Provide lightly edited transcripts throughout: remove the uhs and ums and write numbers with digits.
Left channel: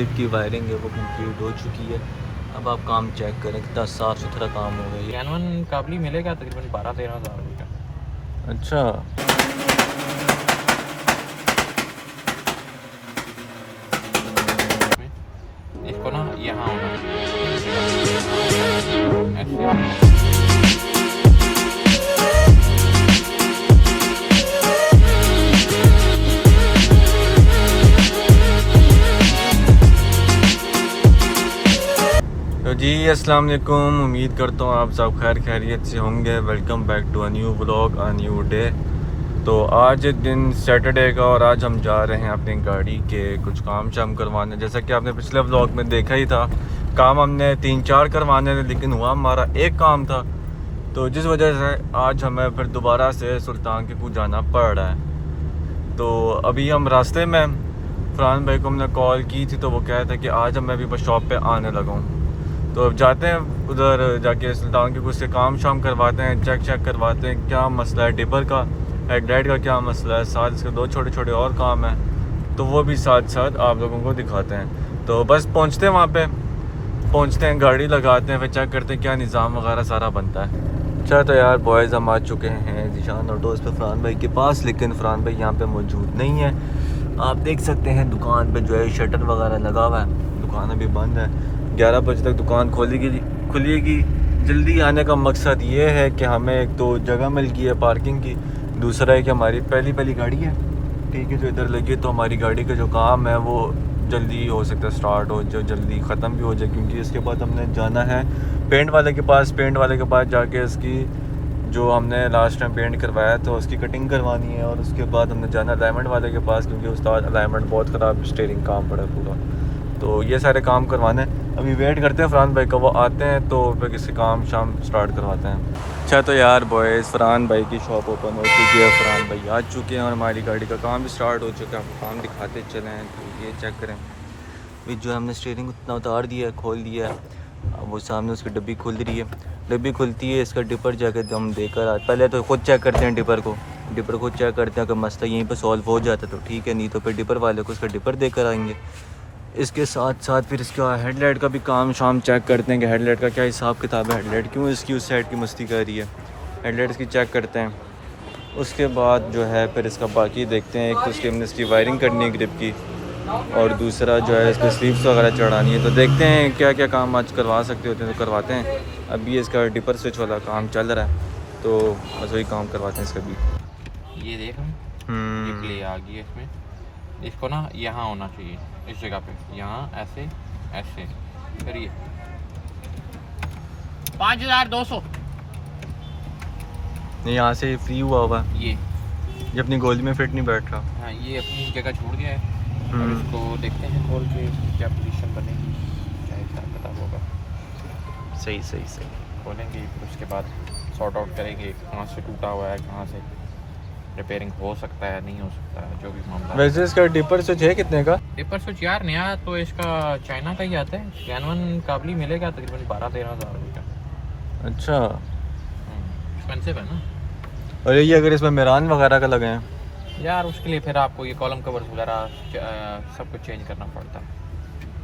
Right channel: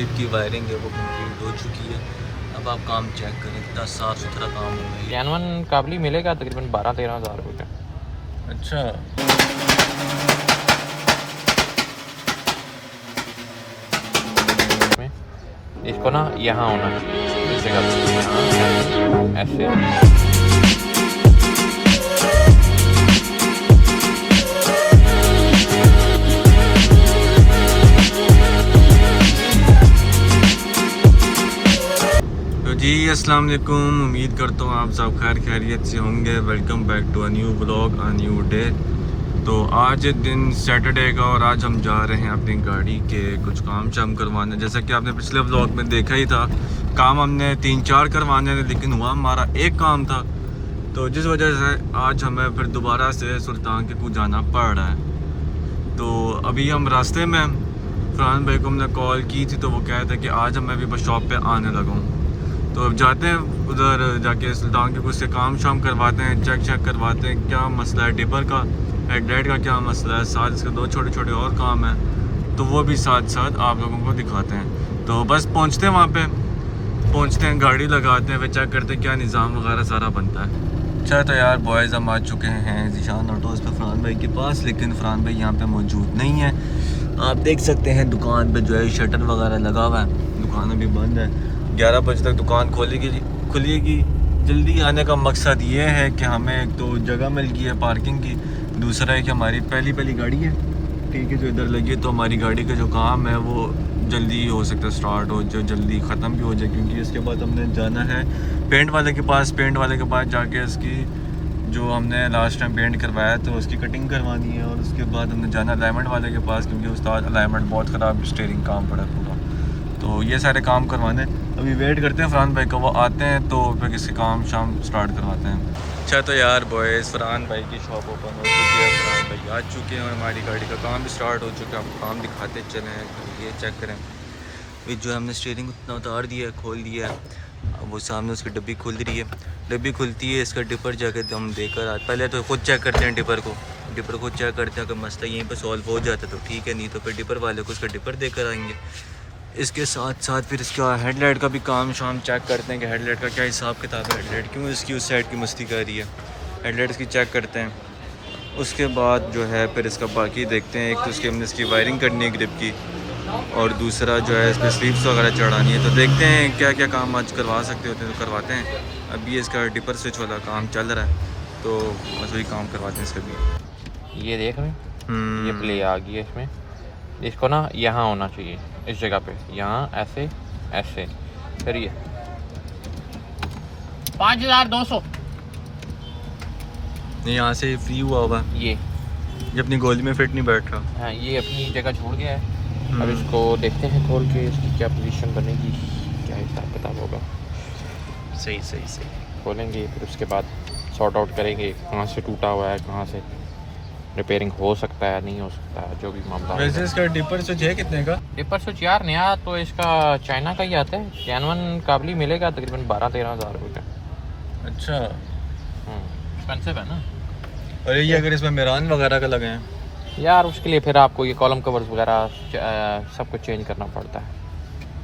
Grip की wiring है वो कंप्लीट हो चुकी है। अब आप काम चेक करें कितना साफ़ सुथरा काम हो गया। कैनवन काबली मिलेगा तकरीबन 12-13 हज़ार रुपये का। अच्छा, इसको ना यहाँ होना ऐसे। तो जी अस्सलाम वालेकुम, उम्मीद करता हूँ आप सब खैर खैरियत से होंगे। Welcome back to a new vlog, a new day. तो आज दिन सैटरडे का और आज हम जा रहे हैं अपनी गाड़ी के कुछ काम शाम करवाने। जैसा कि आपने पिछले व्लॉग में देखा ही था, काम हमने 3-4 करवाने थे लेकिन हुआ हमारा एक काम था, तो जिस वजह से आज हमें फिर दोबारा से सुल्तान के कुछ जाना पड़ रहा है। तो अभी हम रास्ते में, फरहान भाई को हमने कॉल की थी तो वो कह रहे थे कि आज मैं भी बस शॉप पे आने लगा हूँ। तो अब जाते हैं उधर जाके सुल्तान के कुछ से काम शाम करवाते हैं, चेक करवाते हैं क्या मसला है, टिपर का हेडलाइट का क्या मसला है, साथ इसके 2 छोटे छोटे और काम हैं तो वो भी साथ साथ आप लोगों को दिखाते हैं। तो बस पहुंचते हैं, वहाँ पे पहुंचते हैं, गाड़ी लगाते हैं, फिर चेक करते हैं क्या निज़ाम वगैरह सारा बनता है। अच्छा तो यार बॉयज़ हम आ चुके हैं ज़ीशान ऑटोज़ पे फरहान भाई के पास, लेकिन फरहान भाई यहाँ पे मौजूद नहीं है। आप देख सकते हैं दुकान पे जो है शटर वगैरह लगा हुआ है, दुकान अभी बंद है। 11 बजे तक दुकान खुलेगी। जल्दी आने का मकसद ये है कि हमें एक तो जगह मिल गई है पार्किंग की, दूसरा है कि हमारी पहली गाड़ी है, ठीक है, जो इधर लगी तो हमारी गाड़ी का जो काम है वो जल्दी हो सकता है स्टार्ट हो, जो जल्दी ख़त्म भी हो जाए, क्योंकि इसके बाद हमने जाना है पेंट वाले के पास जाके इसकी जो हमने लास्ट टाइम पेंट करवाया तो उसकी कटिंग करवानी है, और उसके बाद हमने जाना अलाइनमेंट वाले के पास, क्योंकि उस्ताद अलाइनमेंट बहुत ख़राब स्टीयरिंग काम पड़ा है पूरा। तो ये सारे काम करवाने, अभी वेट करते हैं फरहान भाई का, वो आते हैं तो फिर किसी काम शाम स्टार्ट करवाते हैं। अच्छा तो यार बॉयज़ फरहान भाई की शॉप ओपन हो चुकी है, फरहान भाई आ चुके हैं और हमारी गाड़ी का काम भी स्टार्ट हो चुका है। आपको काम दिखाते चले हैं, तो ये चेक करें, ये जो हमने स्टीयरिंग उतना उतार दिया है, खोल दिया है, अब वो सामने उसकी डब्बी खुल रही है, डब्बी खुलती है, इसका डिपर जाकर हम देकर आते, पहले तो खुद चेक करते हैं डिपर खुद चेक करते हैं, अगर मसला यहीं पर सॉल्व हो जाता है तो ठीक है, नहीं तो फिर डिपर वाले को उसका डिपर देकर आएंगे। इसके साथ साथ फिर इसका हेडलाइट का भी काम शाम चेक करते हैं कि हेडलाइट का क्या हिसाब किताब है, हेडलाइट क्यों इसकी उस साइड की मस्ती कर रही है, हेडलाइट इसकी चेक करते हैं। उसके बाद जो है फिर इसका बाकी देखते हैं, एक तो उसकी हमने इसकी वायरिंग करनी है ग्रिप की, और दूसरा जो है इस पर स्लीव्स वगैरह चढ़ानी है। तो देखते हैं क्या क्या काम आज करवा सकते होते हैं तो करवाते हैं। अभी इसका डिपर स्विच वाला काम चल रहा है तो बस वही काम करवाते हैं इसका भी। ये देख रहे हैं, ये प्ले आ गई है इसमें, इसको ना यहाँ होना चाहिए इस जगह पे, यहाँ ऐसे ऐसे, फिर ये 5200 यहाँ से फ्री हुआ ये अपनी गोली में फिट नहीं बैठ रहा। हाँ, ये अपनी जगह छोड़ दिया है। और इसको देखते हैं खोल के इसकी क्या पोजीशन बनेगी, क्या हिसाब किताब होगा। सही खोलेंगे, फिर उसके बाद सॉर्ट आउट करेंगे कहाँ से टूटा हुआ है, कहाँ से रिपेयरिंग हो सकता है, नहीं हो सकता है, जो भी मामला। वैसे इसका डिपर स्विच है कितने का? डिपर स्विच यार नया तो इसका चाइना का ही आता है, कैनवन काबली मिलेगा तकरीबन 12-13 हज़ार रुपये का। अच्छा, एक्सपेंसिव है ना। और ये अगर इसमें मेरान वगैरह का लगे हैं यार उसके लिए फिर आपको ये कॉलम कवर्स वगैरह सब कुछ चेंज करना पड़ता है।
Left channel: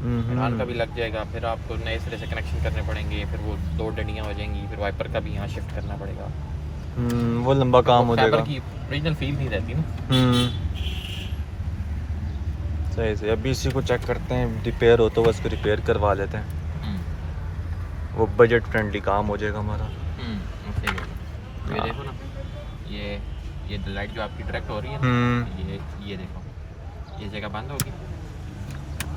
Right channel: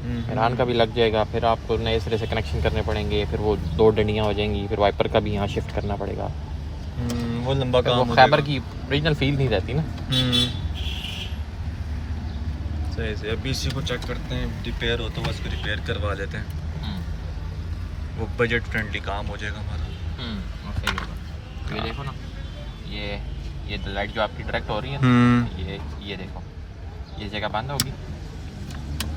मेरान का भी लग जाएगा, फिर आपको नए सिरे से कनेक्शन करने पड़ेंगे, फिर वो 2 डंडियाँ हो जाएंगी, फिर वाइपर का भी यहाँ शिफ्ट करना पड़ेगा। वो लंबा काम हो जाएगा, फाइबर की ओरिजिनल फील नहीं रहती ना। सही। अभी इसी को चेक करते हैं, रिपेयर हो तो बस रिपेयर करवा लेते हैं, वो बजट फ्रेंडली काम हो जाएगा हमारा। ये देखो ना, ये लाइट जो आपकी डायरेक्ट हो रही है, ये देखो, ये जगह बंद होगी,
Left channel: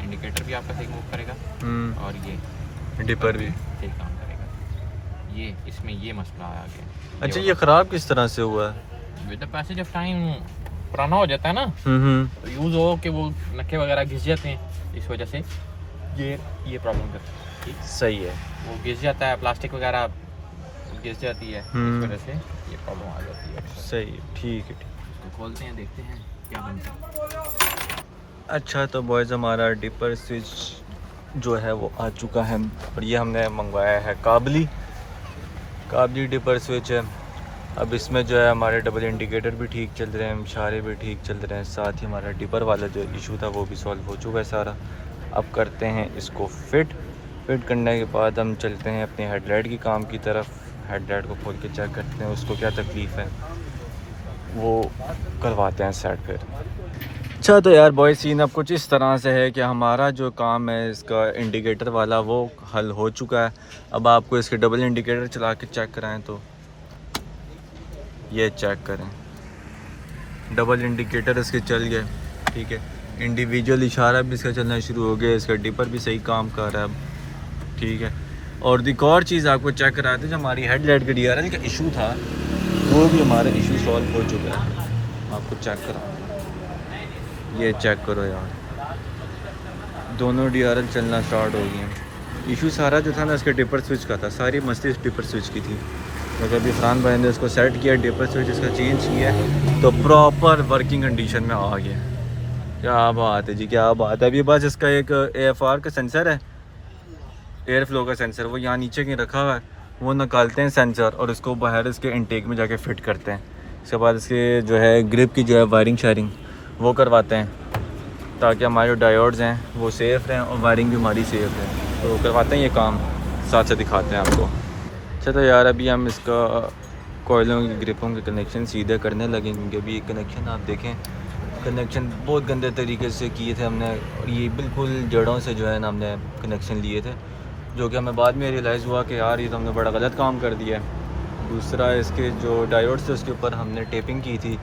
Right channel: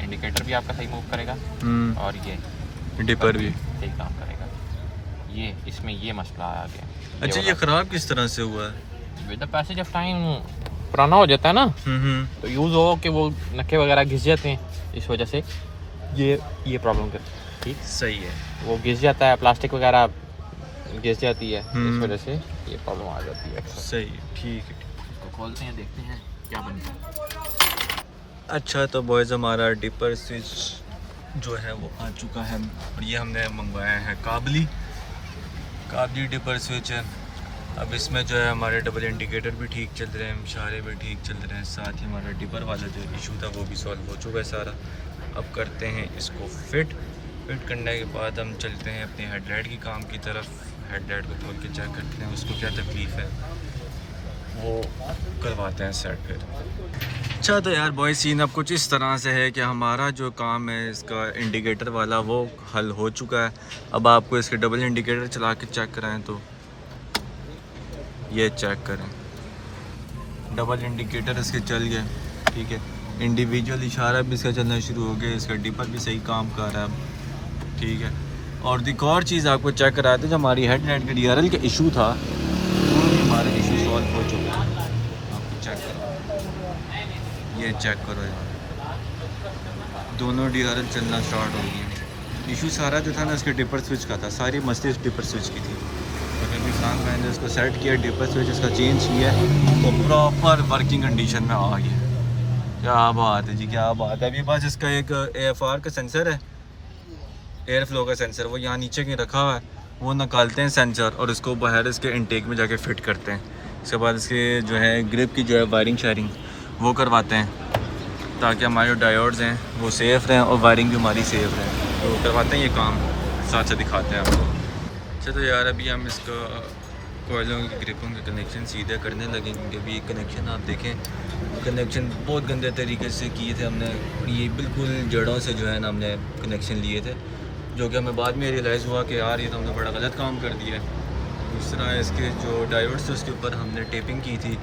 इंडिकेटर भी आपका सही मूव करेगा, और ये डिपर भी सही काम करेगा। ये इसमें ये मसला आ गया। अच्छा, ये ख़राब किस तरह से हुआ है? With the passage of time पुराना हो जाता है ना, तो यूज़ हो कि वो नक्के वगैरह घिस जाते हैं, इस वजह से ये प्रॉब्लम करती है। ठीक, सही है, वो घिस जाता है, प्लास्टिक वगैरह घिस जाती है, इस वजह से ये प्रॉब्लम आ जाती है। सही, ठीक है। इसको खोलते हैं, देखते हैं क्या बनता है। अच्छा तो बॉयज़ हमारा डिपर स्विच जो है वो आ चुका है, और ये हमने मंगवाया है काबली डिपर स्विच है। अब इसमें जो है हमारे डबल इंडिकेटर भी ठीक चल रहे हैं, इशारे भी ठीक चल रहे हैं, साथ ही हमारा डिपर वाला जो इशू था वो भी सॉल्व हो चुका है सारा। अब करते हैं इसको फिट करने के बाद हम चलते हैं अपने हेडलाइट की काम की तरफ। हेडलाइट को खोल के चेक करते हैं उसको क्या तकलीफ़ है, वो करवाते हैं सेट फिर। अच्छा तो यार बॉय सीन अब कुछ इस तरह से है कि हमारा जो काम है इसका इंडिकेटर वाला वो हल हो चुका है। अब आपको इसके डबल इंडिकेटर चला के चेक कराएं तो ये चेक करें, डबल इंडिकेटर इसके चल गए, ठीक है। इंडिविजुअल इशारा भी इसका चलना शुरू हो गया, इसका डिपर भी सही काम कर रहा है अब, ठीक है। और एक और चीज़ आपको चेक कराते हैं, जो हमारी हेडलाइट के DRL का इशू था वो भी हमारा इशू सॉल्व हो चुका है। आपको चेक करो, ये चेक करो यार, दोनों DRL चलना स्टार्ट हो गए हैं। इशू सारा जो था ना इसके डिपर स्विच का था, सारी मस्ती इस डिपर स्विच की थी। तो अभी फरहान भाई ने उसको सेट किया, डिपर स्विच इसका चेंज किया तो प्रॉपर वर्किंग कंडीशन में आ गया। क्या बात है जी, क्या बात है। अभी बस इसका एक AFR का सेंसर है, एयर फ्लो का सेंसर, वो यहाँ नीचे कहीं रखा हुआ है, वो निकालते हैं सेंसर और इसको बाहर इसके इनटेक में जाके फ़िट करते हैं। इसके बाद इसके जो है ग्रिप की जो है वायरिंग शायरिंग वो करवाते हैं, ताकि हमारे जो डायोड्स हैं वो सेफ़ रहें और वायरिंग भी हमारी सेफ़ रहें। तो करवाते हैं ये काम, साथ से दिखाते हैं आपको। अच्छा तो यार अभी हम इसका कोयलों की ग्रिपों के कनेक्शन सीधे करने लगेंगे, क्योंकि अभी कनेक्शन आप देखें, कनेक्शन बहुत गंदे तरीके से किए थे हमने, और ये बिल्कुल जड़ों से जो है ना हमने कनेक्शन लिए थे, जो कि हमें बाद में रियलाइज़ हुआ कि यार ये तो हमने बड़ा गलत काम कर दिया है। दूसरा इसके जो डायोड्स थे उसके ऊपर हमने टेपिंग की थी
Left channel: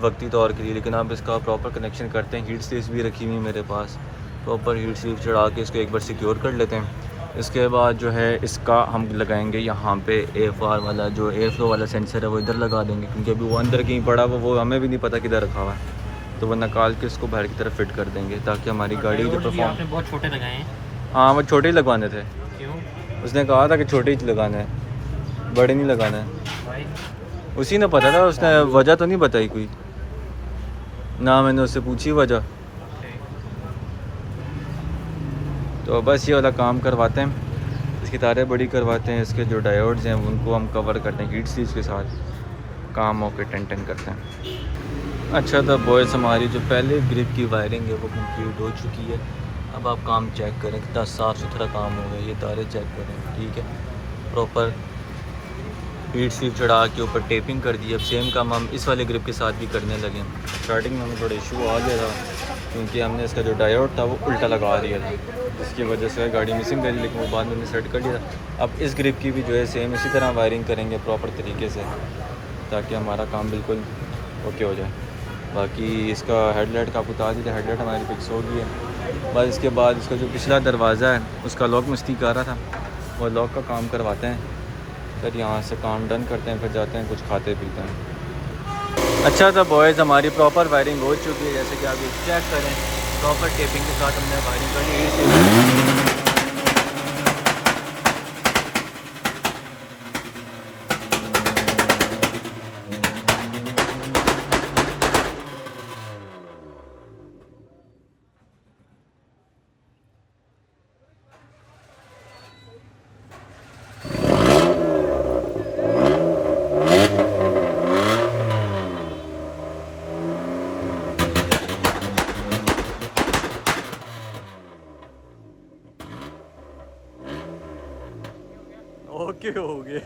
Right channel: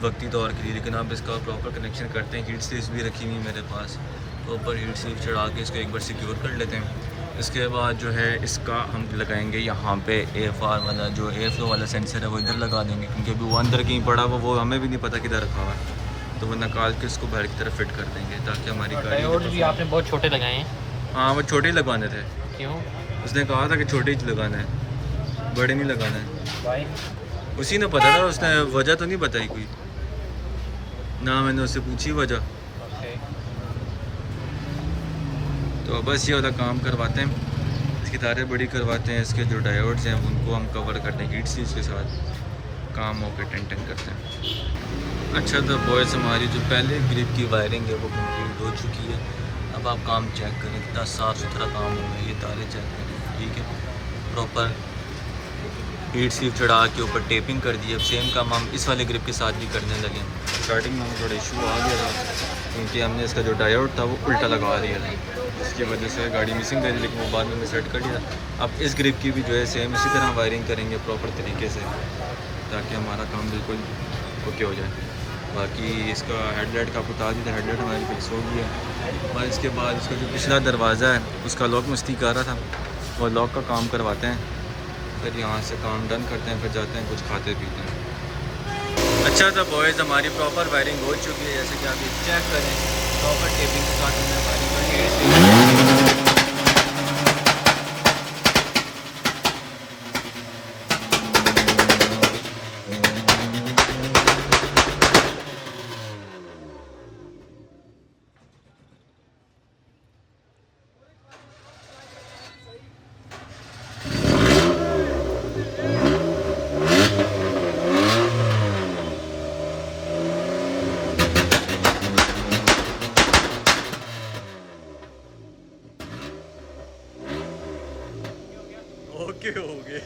वक्ती तौर के लिए, लेकिन अब इसका प्रॉपर कनेक्शन करते हैं। हीट स्लीव्स भी रखी हुई है मेरे पास, प्रॉपर हीट स्लीव चढ़ा के इसको एक बार सिक्योर कर लेते हैं। इसके बाद जो है इसका हम लगाएंगे यहाँ पे AFR वाला जो एयर फ्लो वाला सेंसर है वो इधर लगा देंगे, क्योंकि अभी वो अंदर कहीं पड़ा हुआ, वो हमें भी नहीं पता किधर रखा हुआ है, तो वो निकाल के इसको बाहर की तरफ फिट कर देंगे, ताकि हमारी गाड़ी भी आपने बहुत छोटे लगाए हैं। हाँ वो छोटे ही लगवाने थे, क्यों? उसने कहा था कि छोटे ही लगाना है, बड़े नहीं लगाना है। उसी ने पता था, उसने वजह तो नहीं बताई कोई ना, मैंने उससे पूछी वजह। तो बस ये वाला काम करवाते हैं, इसकी तारें बड़ी करवाते हैं, इसके जो डायोड्स हैं उनको हम कवर करते हैं हीट सीज के साथ, काम होकर टेंटन करते हैं। अच्छा तो बॉयज़ हमारी जो पहले ग्रिप की वायरिंग है वो कंप्लीट हो चुकी है। अब आप काम चेक करें, कितना साफ़ सुथरा काम हो गया, ये तारे चेक करें, ठीक है। प्रॉपर हीट सीव चढ़ा के ऊपर टेपिंग कर दी। अब सेम काम हम इस वाले ग्रिप के साथ भी करने लगे। स्टार्टिंग में हमें थोड़ा इशू आ गया था, क्योंकि हमने इसका जो डायोड था वो उल्टा लगा दिया था, जिसकी वजह से गाड़ी मिसिंग करी, लेकिन वो बाद में हमने सेट कर लिया था। अब इस ग्रिप की भी जो है सेम इसी तरह वायरिंग करेंगे प्रॉपर तरीके से, ताकि हमारा काम बिल्कुल ओके हो जाए। बाकी इसका हेडलाइट का आपको बता दी था, हेडलाइट हमारी फिक्स हो गई है। बस इसके बाद इसका जो पिछला दरवाज़ा है उसका लॉक मस्ती कर रहा था, वो लॉक का काम करवाते हैं, फिर यहाँ से काम डन करते हैं, फिर जाते हैं कुछ खाते पीते हैं। अच्छा तो बॉयज़ हमारी प्रॉपर वायरिंग हो चुकी है, जैसे कि आप ये चेक करें, प्रॉपर टेपिंग के साथ हमने वायरिंग कर ली। ओके हो गए।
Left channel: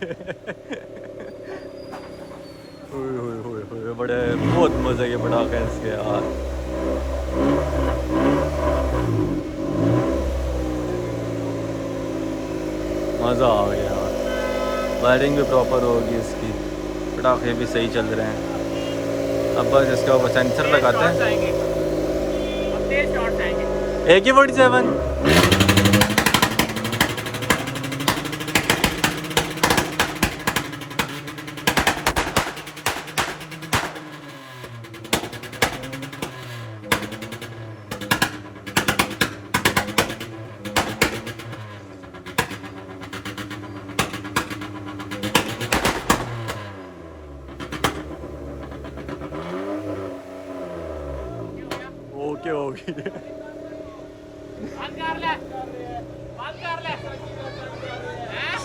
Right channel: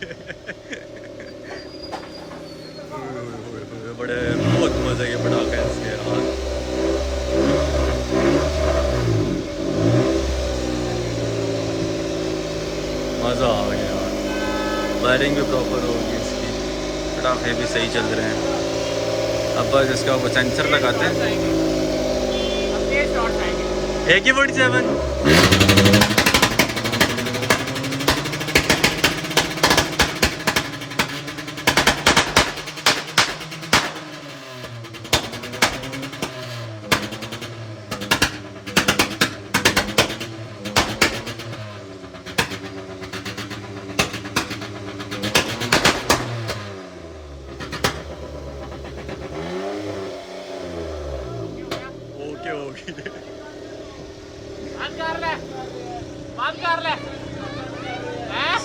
बड़े बहुत मज़े के पटाखे हैं इसके यार। मज़ा आ गया यार, वायरिंग भी प्रॉपर होगी इसकी, पटाखे भी सही चल रहे हैं। अब बस इसका वो सेंसर लगाते हैं। AK-47 ओके हो गई। बंद कर ले, बंद कर ले। हैं?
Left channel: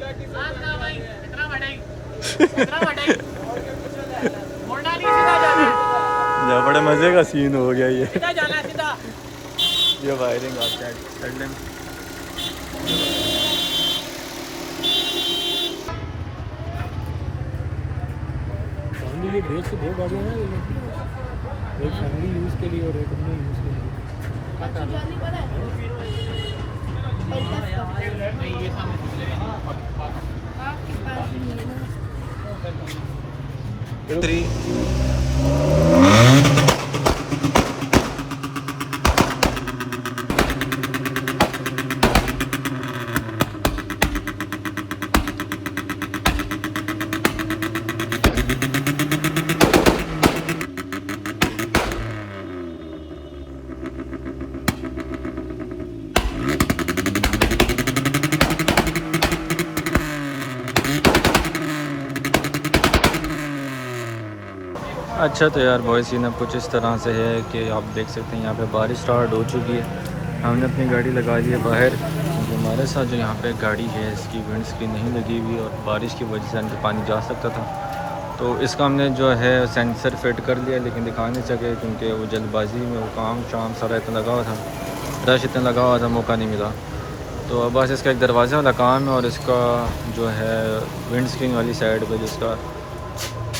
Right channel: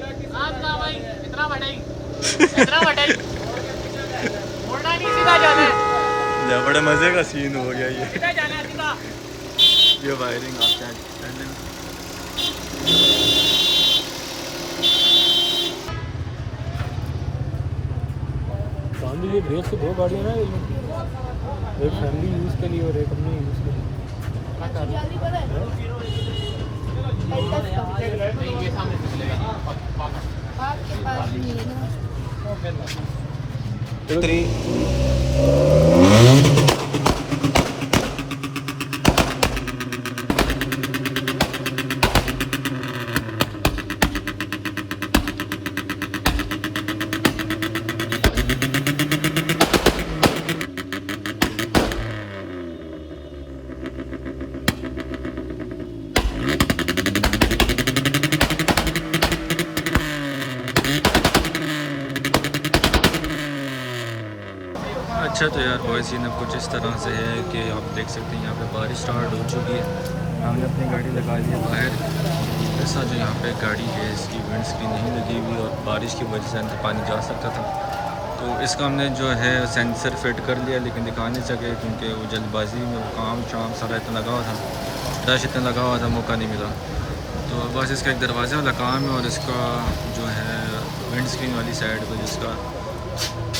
बंद कर भाई, इतना बड़ा, इतना बड़ा। मुड़ना नहीं, सीधा जाना। बड़े मज़े का सीन हो गया ये। सीधा जाना, सीधा। ये वायरिंग आप चेक कर लें। ये डेढ़ से 2 गाड़ियाँ ना, एक फैमिली यूज़ के लिए और एक अपने यूज़ के लिए। आपके पास नहीं है ना? 3 अच्छा तो यार बॉयज़ सीन अब कुछ इस तरह से है कि आप देख सकते हैं यहाँ पे बारिश स्टार्ट हो चुकी है। हमने अपनी गाड़ी लगा ली है बाहर। हमारे साथ जो यहाँ पे गाड़ी है इसकी विंड स्क्रीन नहीं लगी हुई और बारिश की वजह से अंदर पानी जा सकता था, तो इसका हमने जो है सेंसर फिट कर लिया, लेकिन दिखा नहीं सके क्योंकि वो जल्दबाजी में वो काम शाम सारा इतना लगा हुआ था, रश इतना लगा हुआ था, मौका नहीं मिला। तो अब बस इसका एक दरवाज़े वाला काम है और इसका जो है विंड स्क्रीन वाली साइड पर जिसका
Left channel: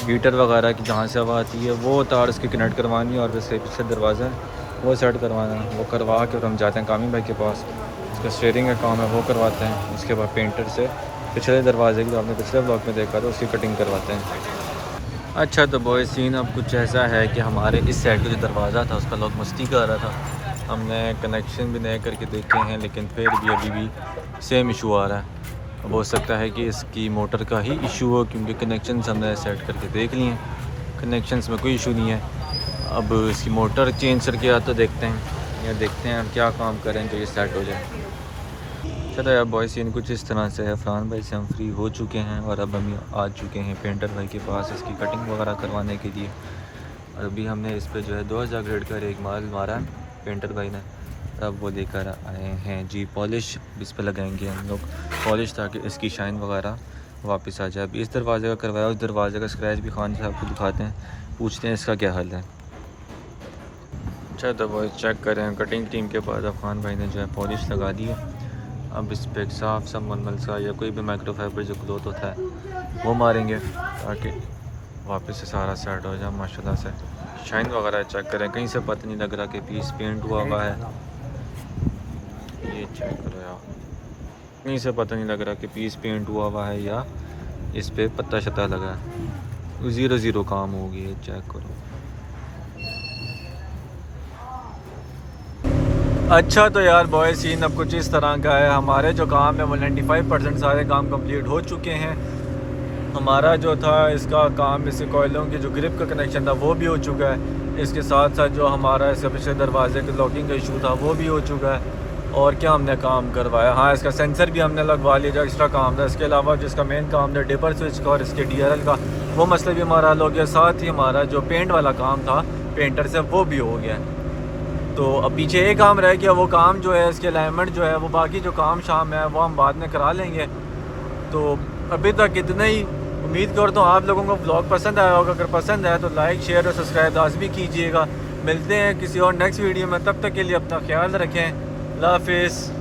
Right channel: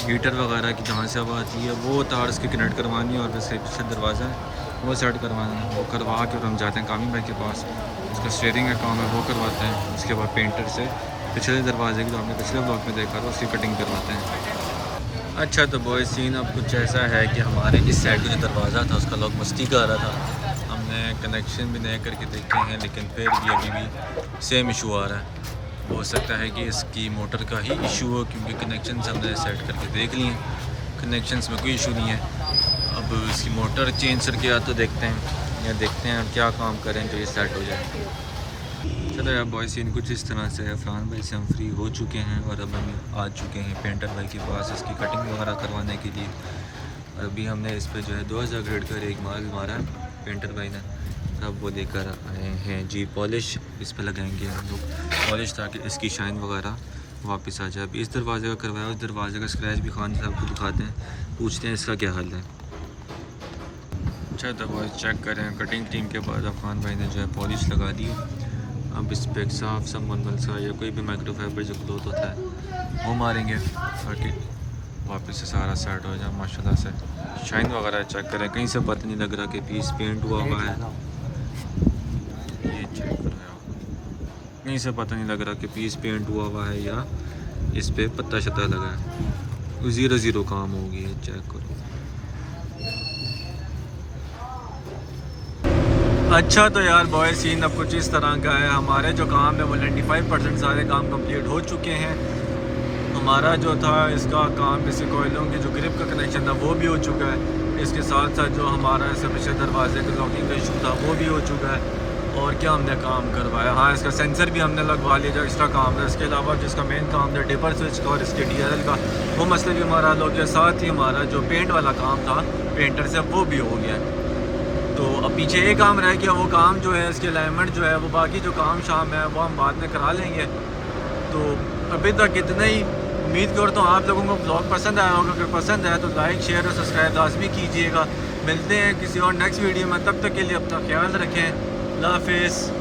हीटर वगैरह की जहाँ से हवा आती है वो तार उसकी कनेक्ट करवानी है और इसके पीछे दरवाज़ा है वो सेट करवाना है। वो करवा के और हम जाते हैं कामी भाई के पास, उसका स्टीयरिंग का काम है वो करवाते हैं। उसके बाद पेंटर से पिछले दरवाजे की जो आपने पिछले ब्लॉग में देखा था उसकी कटिंग करवाते हैं। अच्छा तो बॉय सीन अब कुछ ऐसा है कि हमारे इस साइड का जो दरवाज़ा था उसका लॉक मस्ती का आ रहा था। हमने कनेक्शन भी नए करके देखे हैं लेकिन फिर भी अभी भी सेम इशू आ रहा है। अब हो सकता है कि इसकी मोटर का ही इशू हो क्योंकि कनेक्शंस हमने सेट करके देख लिए हैं, कनेक्शंस में कोई इशू नहीं है। अब इसकी मोटर चेंज करके या तो देखते हैं या देखते हैं क्या काम करें तो ये सेट हो जाए। चलो यार बॉय सीन कुछ इस तरह से है। फरहान भाई से हम फ्री हो चुके हैं और अब हम आ चुके हैं पेंटर भाई के पास इसकी कटिंग वगैरह करवाने के लिए। और अभी हमने इस पर जो है 2000 ग्रेड का एक माल मारा है पेंटर भाई ने, अब वो लेकर आए हैं जी पॉलिश इस पर लगाएंगे हम लोग पॉलिश ताकि इसकी शाइन वगैरह वापस आ जाए। अभी इस दरवाजे का करवाया, उस दरवाजे का स्क्रैच भी खान साहब को दिखाते हैं, पूछते हैं इसका क्या हाल है। अच्छा तो वो चेक करें कटिंग टीम के बाद अफगान भाई ने जो है पॉलिश लगा दी है। अब इस पर एक साफ सा मलमल सा या कोई भी माइक्रोफाइबर जो क्लॉथ होता है वो मारेंगे ताकि वापस से सारा सेट हो जाए माशाल्लाह से। शाइन वगैरह चेक करें, कहीं से पता नहीं लग रहा कि पीस पेंट हुआ हुआ है। ये चेक करो यार, कहीं से पता नहीं लग रहा कि पीस पेंट हुआ हुआ है या इस पे पत्ता शत्ता लगा है। 0-0 काम हो गया, चेक करो। अच्छा तो यार बॉय सीन अब कुछ इस तरह का है। हमारे जो काम है वो 95% सारे काम कंप्लीट हो चुके हैं। हमारा जो था इसका काम इससे कोयलों की जो ग्रिप का कनेक्शन था वो भी हो चुका है। इसके साथ साथ जो हमारा इसके पीछे दरवाजे के लॉकिंग का इशू था वो भी हो चुका है। और क्या हमने काम करवाया, हाँ इसका सेंसर भी हमने लगवा लिया जो एक्स्ट्रा काम था। इसके अलावा जिसका मेन काम था डिपर स्विच का और इसके DRL का वो मसला भी हमारा हल हो गया। साथ ही हमारा जो पेंट वाला काम था पेंटर से वो भी हो गया। तो अब पीछे एक काम रह गया, वो काम जो है इसके अलाइनमेंट जो है वो बाकी जो काम शाम है वो हम बाद में करा लेंगे। तो अभी तक इतना ही। उम्मीद करता हूँ आप लोगों को ब्लॉग पसंद आया होगा। अगर पसंद आया तो लाइक शेयर और सब्सक्राइब लाजमी कीजिएगा। मिलते हैं किसी और नेक्स्ट वीडियो में, तब तक के लिए अपना ख्याल रखें। अल्लाह हाफिज़।